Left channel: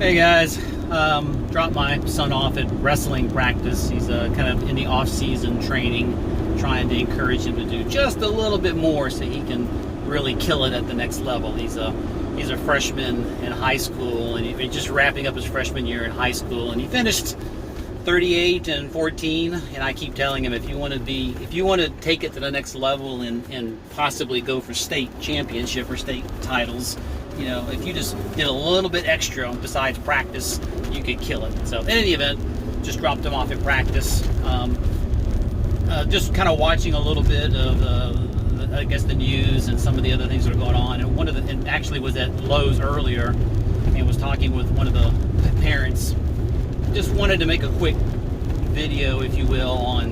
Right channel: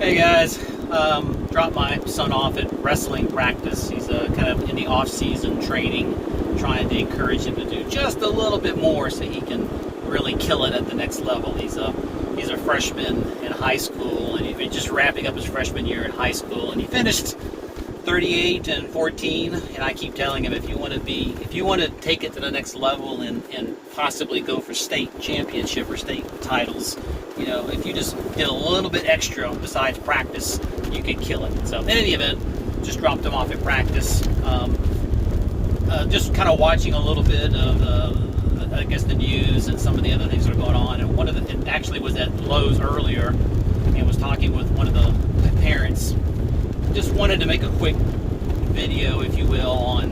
Hey guys, dropped my son off at wrestling practice. He's kind of in the off-season training, trying to encourage him to do just a little bit more so he can really kill it at the next level. He's a freshman in high school, and he's just wrapping up his freshman year in high school, and he finished 38 and 14. And I keep telling him, if you want to take it to the next level and possibly go for state championship or state titles, if you just did a little bit extra besides practice, you could kill it. So in any event, just dropped him off at practice. Just kind of watching a little bit of the news and some of the other things that are going on. And actually was at Lowe's earlier and was talking with one of the parents. Just wanted to make a quick video, if you will, on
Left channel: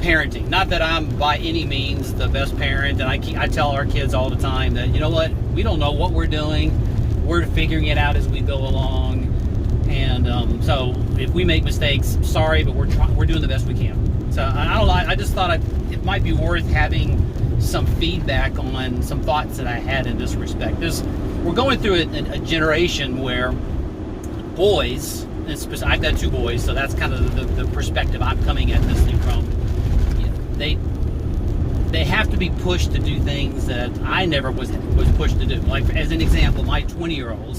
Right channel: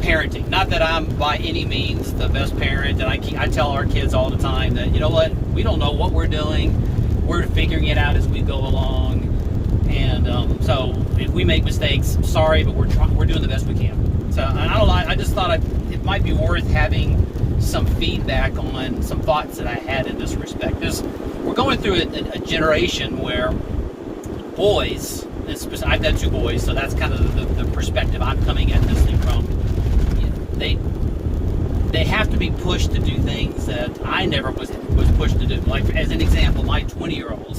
parenting. Not that I'm by any means the best parent, and I tell our kids all the time that, you know what, we don't know what we're doing. We're figuring it out as we go along. And so if we make mistakes, sorry, but we're doing the best we can. So I don't know, I just thought it might be worth having some feedback on some thoughts that I had in this respect. We're going through a generation where boys, I've got two boys, so that's kind of the perspective I'm coming at this thing from. They have to be pushed to do things that I never was pushed to do. Like, as an example, my 20-year-old,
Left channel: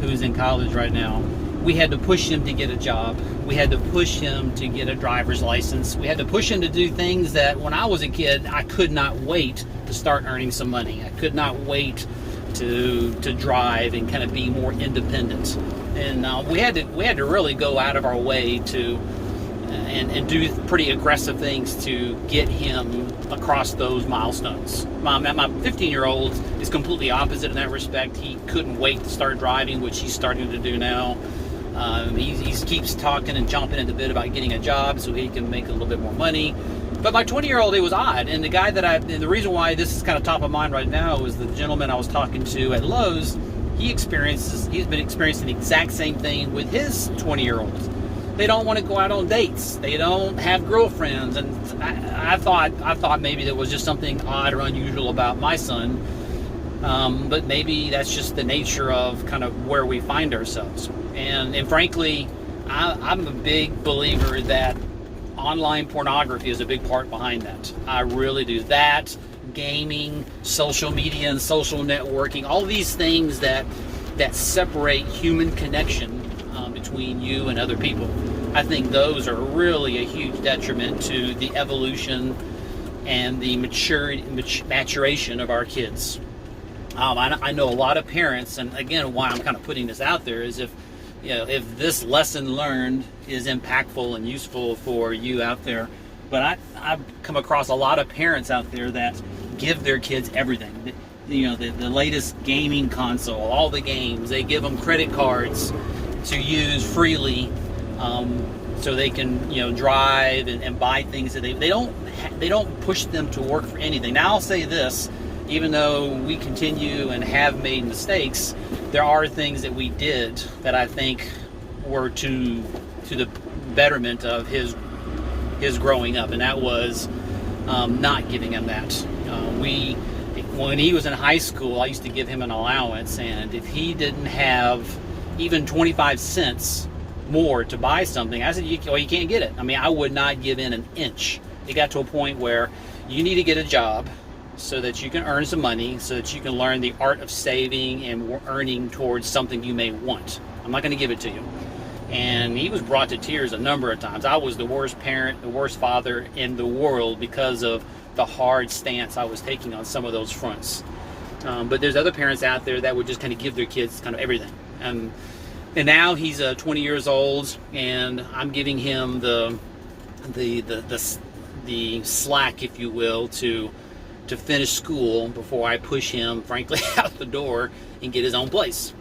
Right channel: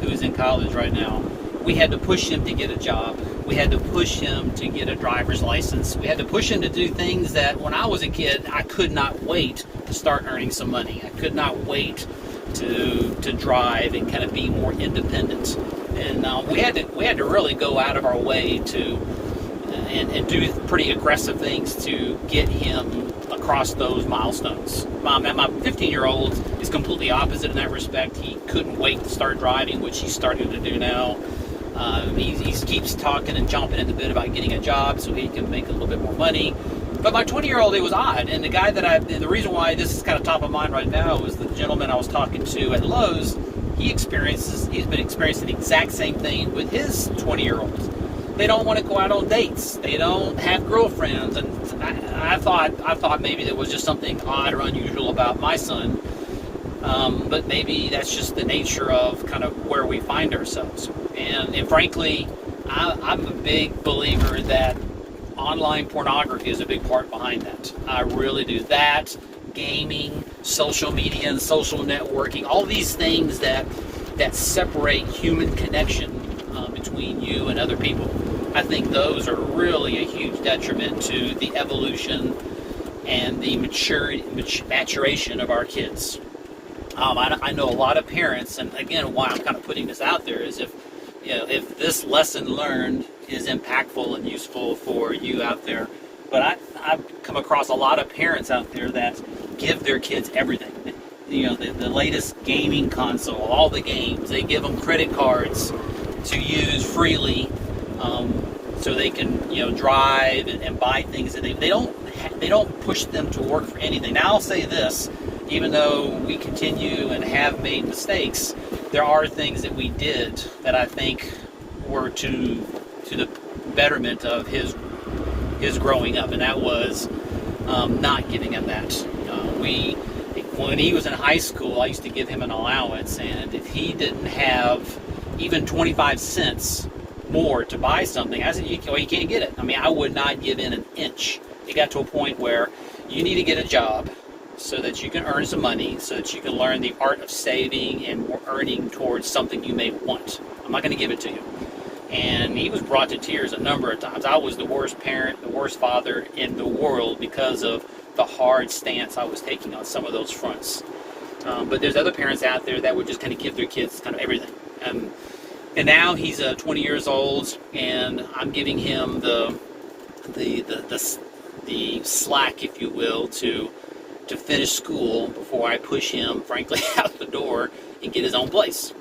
who's in college right now, we had to push him to get a job. We had to push him to get a driver's license. We had to push him to do things that when I was a kid, I could not wait to start earning some money. I could not wait to drive and kind of be more independent. And we had to really go out of our way to and do pretty aggressive things to get him across those milestones. My 15-year-old is completely opposite in that respect. He couldn't wait to start driving, which he's starting to do now. He keeps talking and jumping into bit about getting a job so he can make a little bit more money. But my 20-year-old, it was odd. And the reason why this is kind of top of mind right now is the gentleman I was talking to at Lowe's. He's been experiencing the exact same thing with his 20-year-olds. They don't want to go out on dates. They don't have girlfriends. And I thought maybe there was just something odd or unusual about my son. But maybe that's just the nature of kind of where we find ourselves. And frankly, I'm a big believer that online pornography is a big part behind that. I really do. That, gaming, social media and social networking, all these things that separate human connection between you and other people. I think those are really a huge detriment to the evolution and the maturation of our kids. I know a lot of parents, and again, why I'm kind of putting this out there is if this lesson learned is impactful and useful for you out there. But I've come across a lot of parents out there that give their kids everything. The latest gaming console, all the games. They give them credit cards to use freely, so they can drive and buy things that they don't push them to work for anything. Now I'll say this. Even though we continue and have made mistakes, there are things that we did that I think were to the betterment of his growing up, and that was not giving him that. When he was in high school, I used to give him an allowance, and if he didn't have even 25 cents more to buy something, I said, you can't get it. I mean, I would not give in an inch. It got to a point where you need to get a job so that you can earn some money, so that you can learn the art of saving and earning towards something you may want. I'm not going to give it to you. And he was brought to tears a number of times. I was the worst parent, the worst father in the world because of the hard stance I was taking on some of those fronts. But there's other parents out there that would just kind of give their kids kind of everything. And now he's 20 years old, and I'm giving him the slack, if you will, to finish school before I push him, frankly, out the door and get his own place.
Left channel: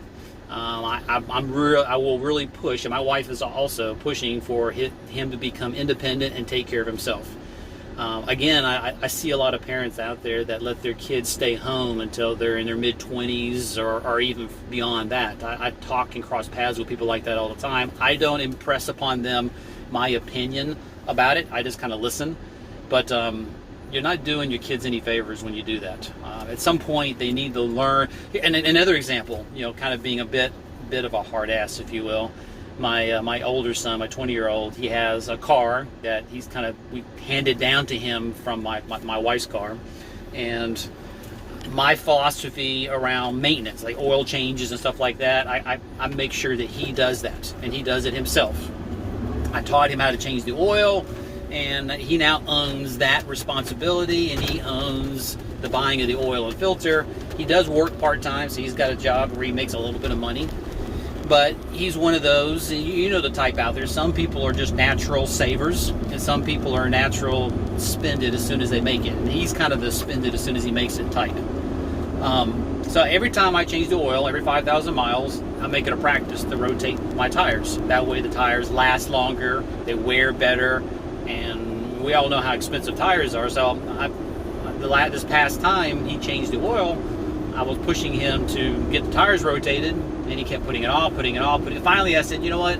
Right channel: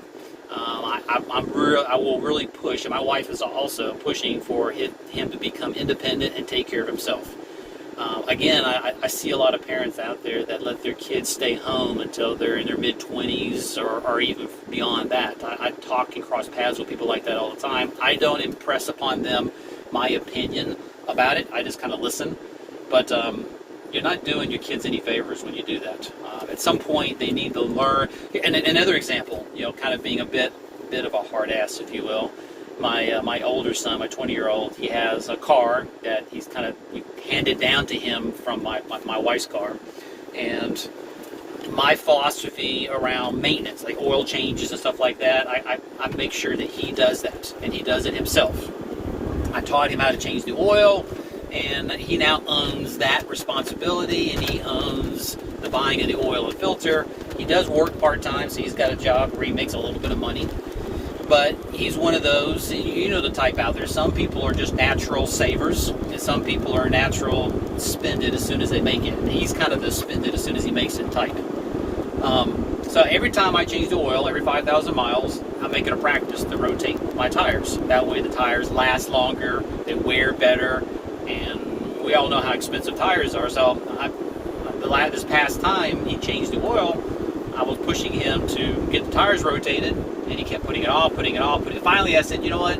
I will really push, and my wife is also pushing for him to become independent and take care of himself. Again, I see a lot of parents out there that let their kids stay home until they're in their mid-20s or even beyond that. I talk and cross paths with people like that all the time. I don't impress upon them my opinion about it. I just kind of listen. But you're not doing your kids any favors when you do that. At some point, they need to learn. And another example, kind of being a bit bit of a hard ass, if you will. My older son, my 20-year-old, he has a car that he's kind of handed down to him from my wife's car, and my philosophy around maintenance, like oil changes and stuff like that, I make sure that he does that, and he does it himself. I taught him how to change the oil, and he now owns that responsibility, and he owns the buying of the oil and filter. He does work part-time, so he's got a job where he makes a little bit of money. But he's one of those, you know the type out there. Some people are just natural savers, and some people are natural spend it as soon as they make it. And he's kind of the spend it as soon as he makes it type. So every time I change the oil, every 5,000 miles, I make it a practice to rotate my tires. That way the tires last longer, they wear better, and we all know how expensive tires are. So this past time he changed the oil, I was pushing him to get the tires rotated, and he kept putting it off. Finally, I said, you know what?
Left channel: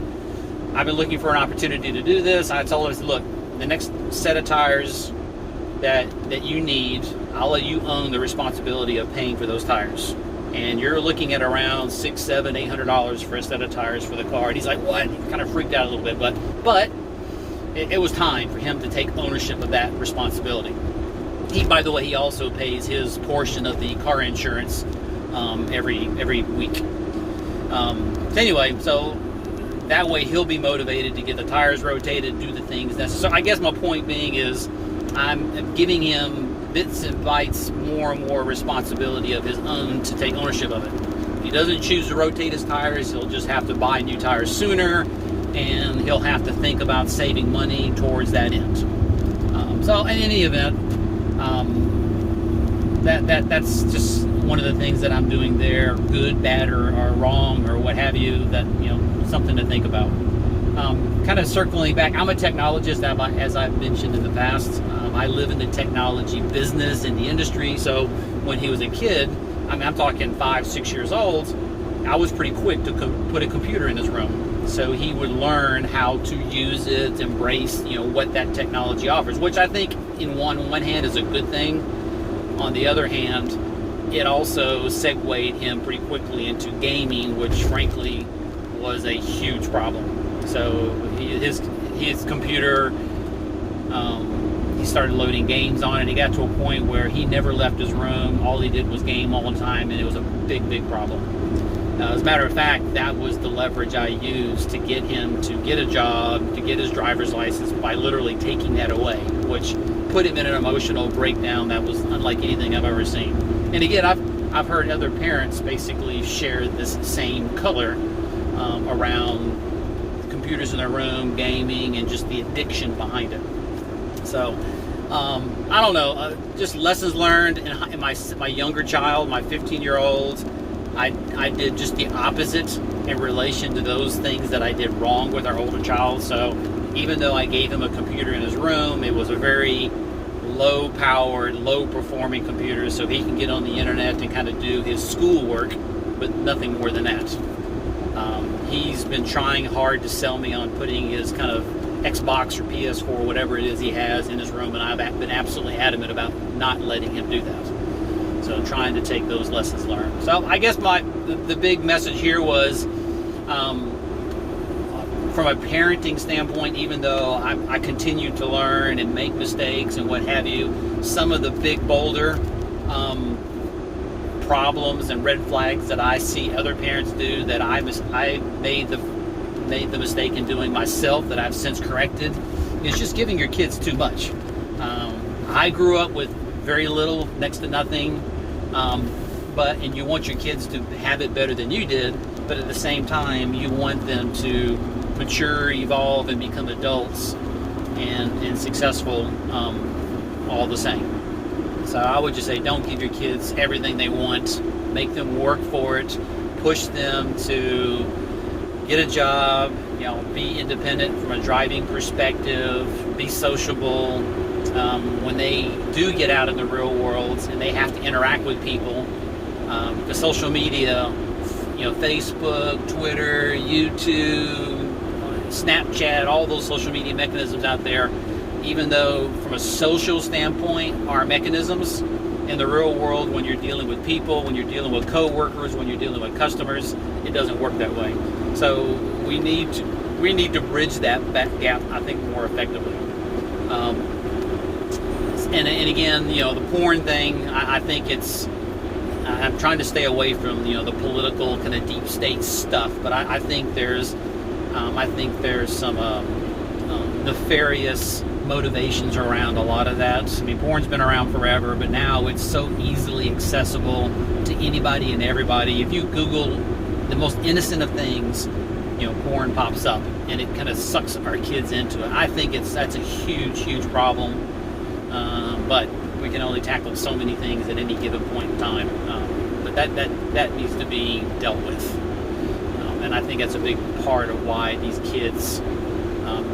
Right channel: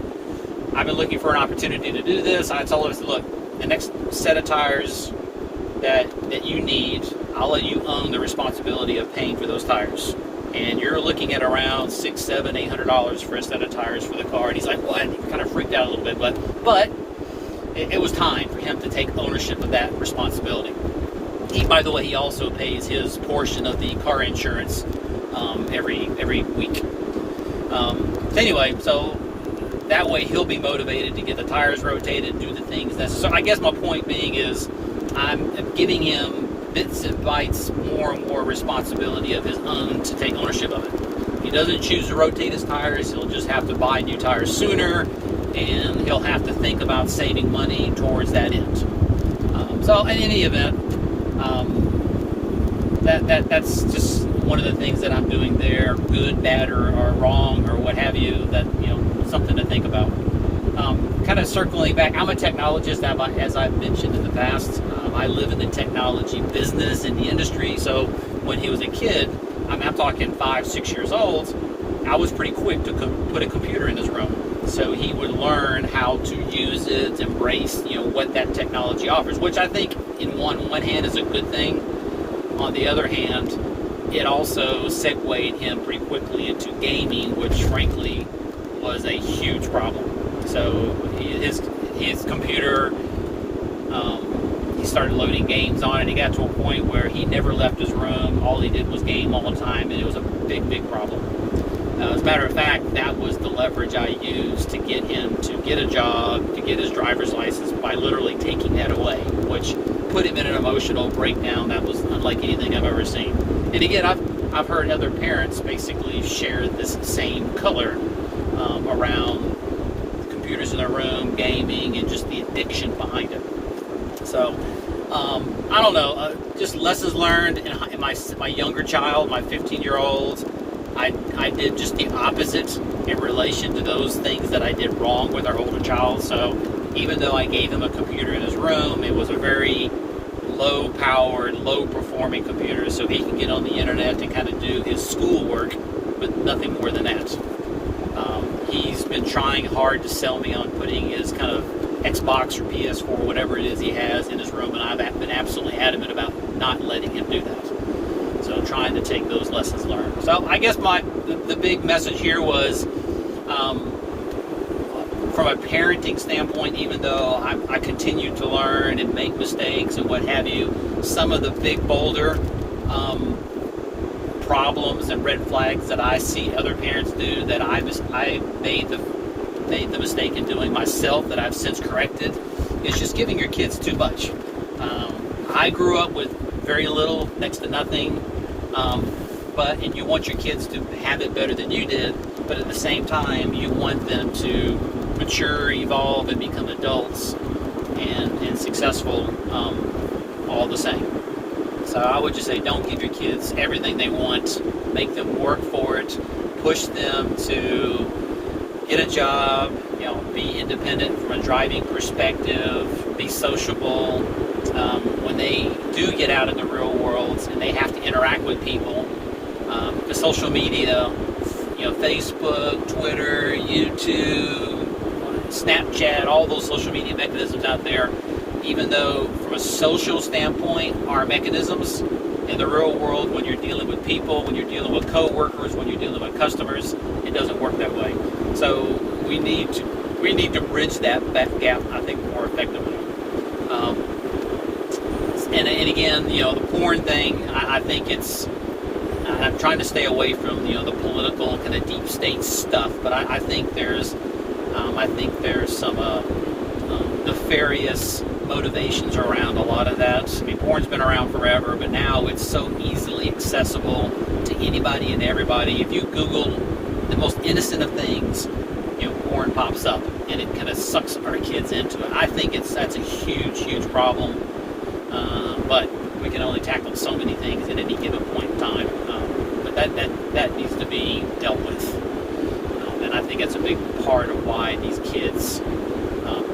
I've been looking for an opportunity to do this. I told him, look, the next set of tires that you need, I'll let you own the responsibility of paying for those tires. And you're looking at around $600, $700, $800 for a set of tires for the car. And he's like, what? He kind of freaked out a little bit, but it was time for him to take ownership of that responsibility. By the way, he also pays his portion of the car insurance every week. Anyway, so that way he'll be motivated to get the tires rotated, do the things necessary. I guess my point being is I'm giving him bits and bytes, more and more responsibility of his own to take ownership of it. If he doesn't choose to rotate his tires, he'll just have to buy new tires sooner, and he'll have to think about saving money towards that end. So in any event, that's just one of the things that I'm doing there, good, bad, or wrong, or what have you, that, something to think about. Kind of circling back, I'm a technologist, as I've mentioned in the past. I live in the technology business, in the industry, so when he was a kid, I'm talking 5, 6 years old, I was pretty quick to put a computer in his room. So he would learn how to use it, embrace, what that technology offers, which I think in one hand is a good thing. On the other hand, it also segued him pretty quickly into gaming, which frankly was a huge problem. So his computer, he started loading games on it. He got to a point where he never left his room. All he did was game all the time, and it was a big problem. As a matter of fact, that was the leverage I used to get him to get a job, to get his driver's license, by literally taking that away, which put him in an emotional breakdown that was unlike anything I've ever seen. And again, I've heard other parents basically share this same color around computers in their room, gaming, and just the addiction behind it. So, I don't know, just lessons learned in my younger child, my 15-year-old. I did just the opposite in relation to those things that I did wrong with our older child. So even though I gave him a computer in his room, it was a very low-powered, low-performing computer, so he can get on the internet and kind of do his schoolwork, but nothing more than that. He's been trying hard to sell me on putting his kind of Xbox or PS4, whatever it is he has, in his room, and I've been absolutely adamant about not letting him do that. So I'm trying to take those lessons learned. So I guess the big message here was, from a parenting standpoint, even though I continue to learn and make mistakes and what have you, some of the big, bolder problems and red flags that I see other parents do that I made the mistake in doing myself, that I've since corrected, is just giving your kids too much. I grew up with very little, next to nothing, and you want your kids to have it better than you did, but at the same time you want them to mature, evolve, and become adults and successful all the same. So I would just say, don't give your kids everything they want. Make them work for it. Push them to get a job, be independent from a driving perspective, be sociable. When they do get out in the real world and they have to interact with people, the social media, Facebook, Twitter, YouTube, Snapchat, all those social media mechanisms out there, even though from a social standpoint are mechanisms, in the real world, when you're dealing with people, when you're dealing with coworkers, when you're dealing with customers, it doesn't work that way. So we need to bridge that gap, I think, more effectively. And again, the porn thing, I think I'm trying to stay away from the political kind of deep state stuff, but I think there's some nefarious motivations around a lot of that. I mean, porn's been around forever, but now it's so easily accessible to anybody and everybody. If you Google the most innocent of things, porn pops up, and it kind of sucks our kids into it. I think that's a huge problem, but we can only tackle so many things at any given point in time. But that needs to be dealt with, and I think that's a big part of why these kids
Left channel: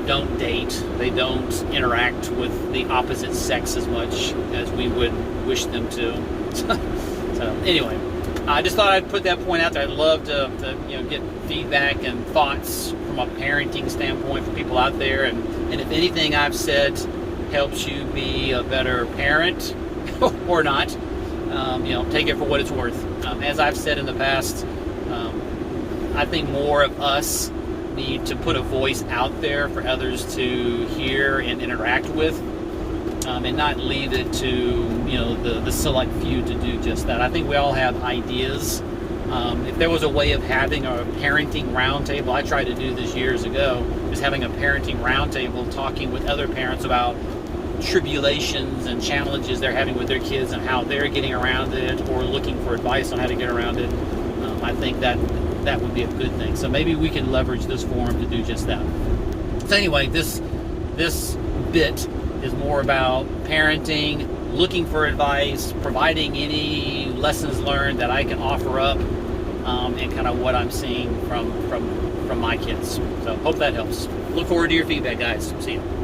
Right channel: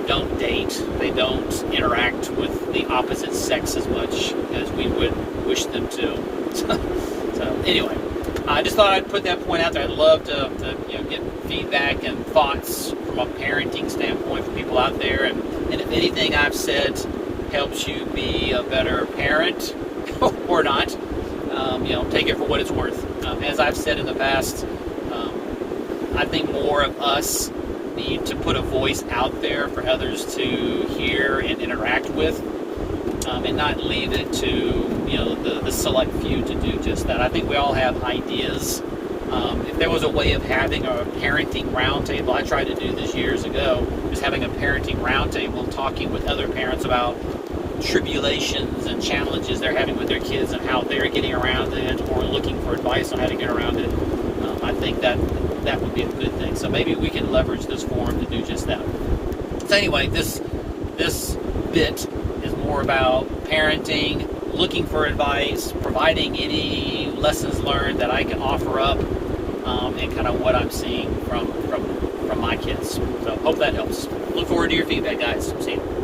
don't date. They don't interact with the opposite sex as much as we would wish them to. So anyway, I just thought I'd put that point out there. I'd love to get feedback and thoughts from a parenting standpoint for people out there, and if anything I've said helps you be a better parent or not, take it for what it's worth. As I've said in the past, I think more of us need to put a voice out there for others to hear and interact with, and not leave it to the select few to do just that. I think we all have ideas. If there was a way of having a parenting roundtable, I tried to do this years ago, just having a parenting roundtable, talking with other parents about tribulations and challenges they're having with their kids and how they're getting around it, or looking for advice on how to get around it. I think that would be a good thing. So maybe we can leverage this forum to do just that. So anyway, this bit is more about parenting, looking for advice, providing any lessons learned that I can offer up, and kind of what I'm seeing from my kids. So hope that helps. Look forward to your feedback, guys. See you.